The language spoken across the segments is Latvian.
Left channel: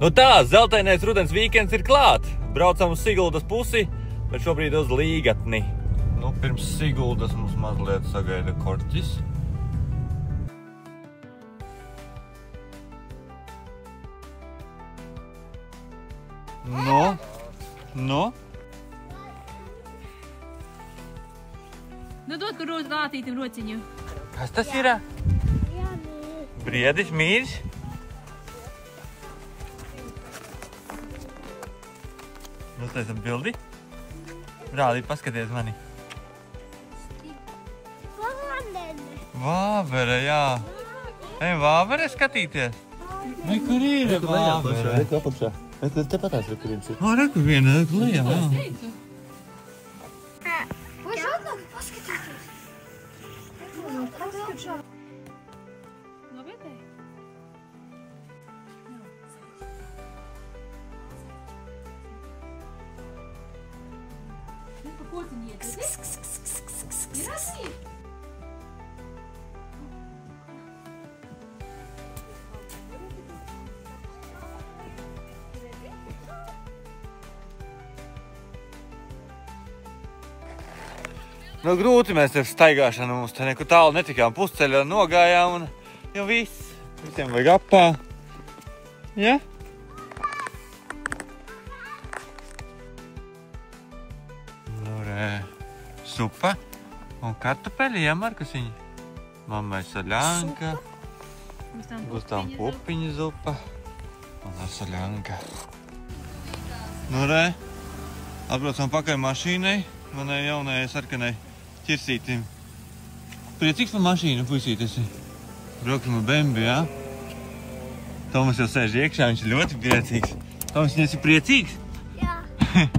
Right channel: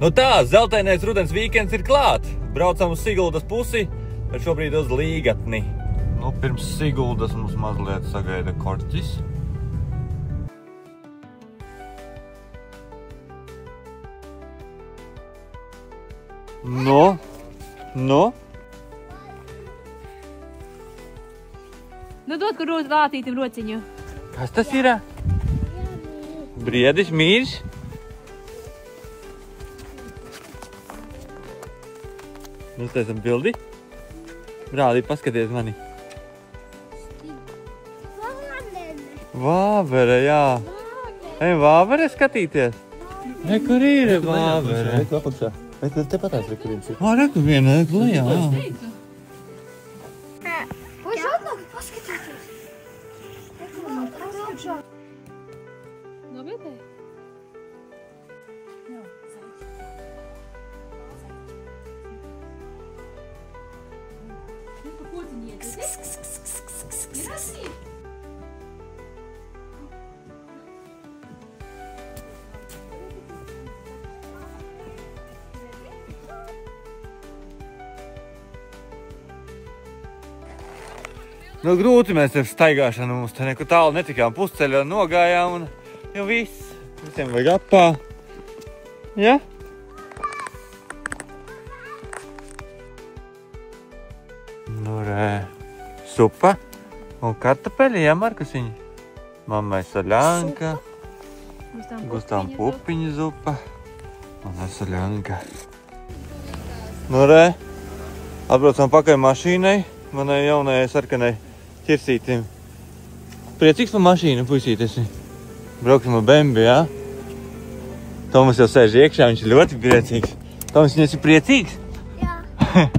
Nu tā, zeltainais rudens vīkends ir klāt. Braucam uz Siguldas pusi, bet šobrīd uz Līgatni. Nu, pirms Siguldas mums mazliet sagaida korķis. Nu? Nu dod, kur lātītim rociņu. Kas tas ir? Briedis, mīļš? Uztaisam bildi. Rādi, paskaties mani. Vāvere, jā. Ej, vāvere skatīties. Ne, kur ir vāvere? Reku apakšā. Te patās rekurīms ir. Ā, reku viena, reku, jā. Vai atnāk paskatīties? Reku, Nobiedē? Nu, grūti mēs ar staigāšanu, mums te nekur tālu netikām, pusceļā nogājām un jau viss. Visiem vajag apā. Ja? Nu, re. Supa un kartupeļi, jā, Markusiņi? Mammai saļanka. Gustām pupiņu zupa. Mammai saļanka. Nu, re. Atbraucam pakaļ mašīnai, manai jaunajai sarkanai ķirsītim. Priecīgs par mašīnu, puisīt esi? Brauksim ar Bembi, jā? Tomas jau sēž iekšā, viņš ir ļoti priecīgs. Tomas, viņas ir priecīgs? jā.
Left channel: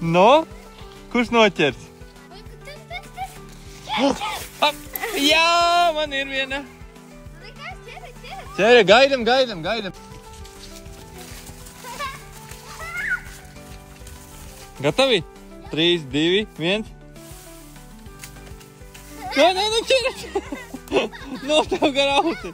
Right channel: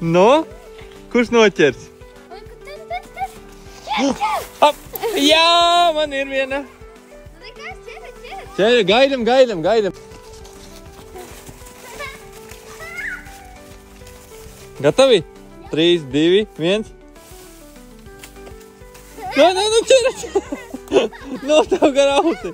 No? Kurš noķers? Jā, man ir viena. Ķere, gaidam. Gatavi? 3, 2, 1. Nē, ķere! Nostav gar ausi.